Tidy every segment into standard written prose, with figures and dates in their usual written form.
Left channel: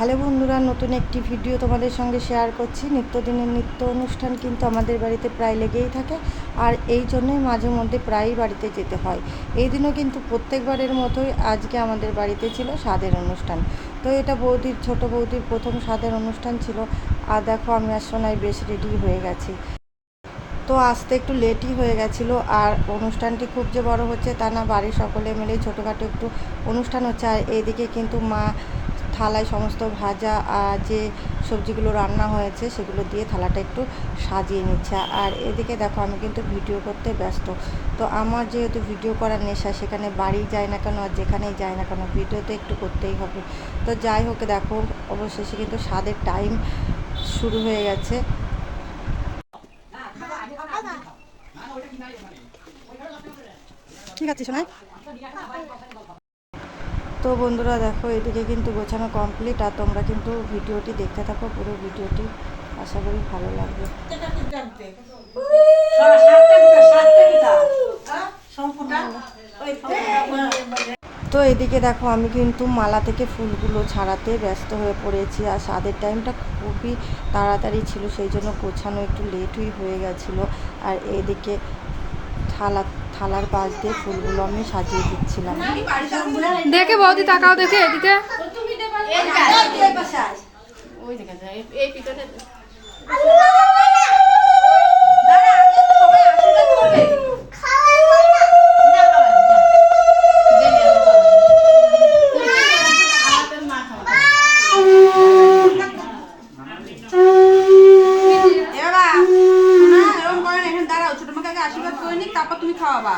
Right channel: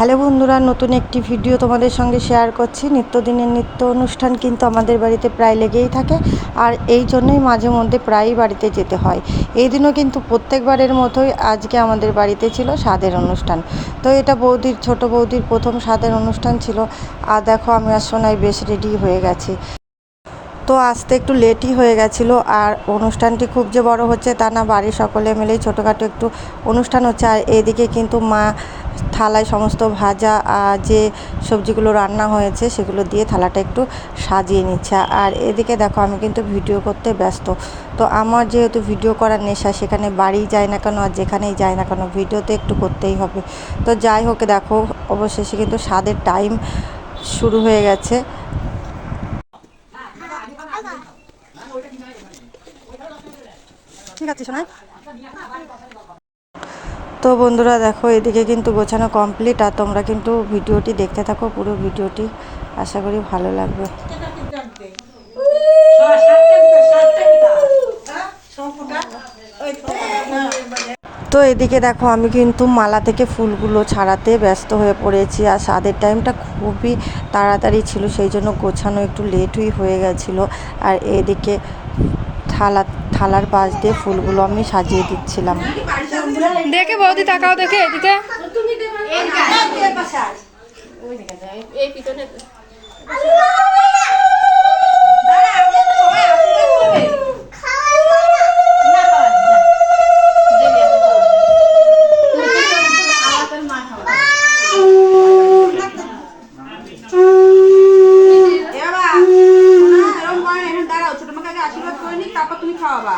Hello বন্ধুরা, নতুন একটি ভিডিও তোমাদের সঙ্গে শেয়ার করছি। নিত্যদিনের নিত্য অনুষ্ঠান কিন্তু আমাদের বাড়িতে প্রায় লেগেই থাকে, আর এই জন্যই মাঝে মধ্যে প্রায়ই বাড়িতে যেতে হয়। এই দিনও কিন্তু প্রত্যেকবারের মতোই আজকে আমাদের বাড়িতে ছিল স্বাদের অনুষ্ঠান। তো এটা ছোট বৌদির প্রথম স্বাদের অনুষ্ঠান ছিল। আর দেখো আমি আর সোনাই বেশ রেডি হয়ে গেছি। তো আসতে একটু লেটই হয়ে গেছিলো। আর অনুষ্ঠানটি খুব যে বড় হচ্ছে তা না, বাড়ির সকলে মিলেই ছোটোখাটো একটু অনুষ্ঠান হচ্ছে। আর এদিকে কিন্তু মা থালায় সমস্ত ভাজা যে সবজিগুলো রান্না হয়েছে সেগুলো দিয়ে থালাটা একটু সাজিয়ে নিচ্ছে। আর এদিকে দেখো আমি কিন্তু ভিডিও করতে ব্যস্ত। তো আমার যেহেতু ভিডিও করার নেশা, সেখানে বাড়ি যায় না কেন আর যেখানেই যায় না কেন ভিডিও তো একটু করতেই হবে। তো যাই হোক, দেখো অবশেষে কিন্তু স্বাদের টাইম শুরু হয়ে গেছে। ঠিক আছে শোনায়। তো বন্ধুরা দেখো এদিকে কিন্তু গোছানো কমপ্লিট, আর তোমরা কিন্তু ভিডিওটি দেখতে থাকো, পুরো ভিডিওটি আশা করি ভালো লাগবে। তো এদিকে দেখো আমি কিন্তু মালা থেকে ফুলগুলো ছাড়াতে ব্যস্ত হয়ে পড়েছি। আর স্বাদের টাইমটা খুবই তাড়াতাড়ি ছিল, সেই জন্য গোছানো একটু লেটই হয়ে গেছিলো। আর এদিকে থালার পাশ দিয়ে ফুলগুলো আমি সাজিয়ে দিচ্ছিলাম। দেখে বৌদি তাকাও, দেখে এদিকে। তুমি খাওয়াবা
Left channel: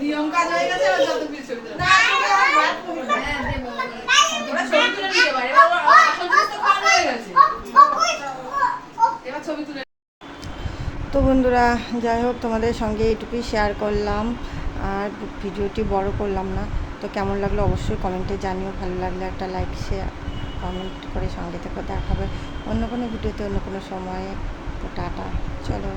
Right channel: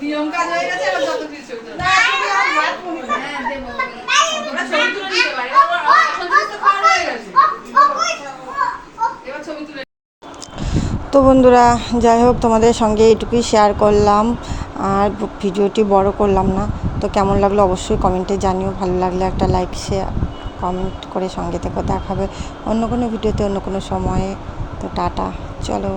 নিয়ম কাজ হয়ে গেছে। তো বন্ধুরা যাই হোক, তোমাদের সঙ্গে এইটুকুই শেয়ার করলাম, আর ভিডিওটি বড় করলাম না। তো কেমন লাগলো অবশ্যই কমেন্টে জানিও। ভালো লাগলে একটা লাইক শেয়ার কমেন্ট করে সঙ্গে থেকে দেখাবে অন্য কোনো ভিডিওতে অন্য কোনো সময়ে। তো টাটা, চলো।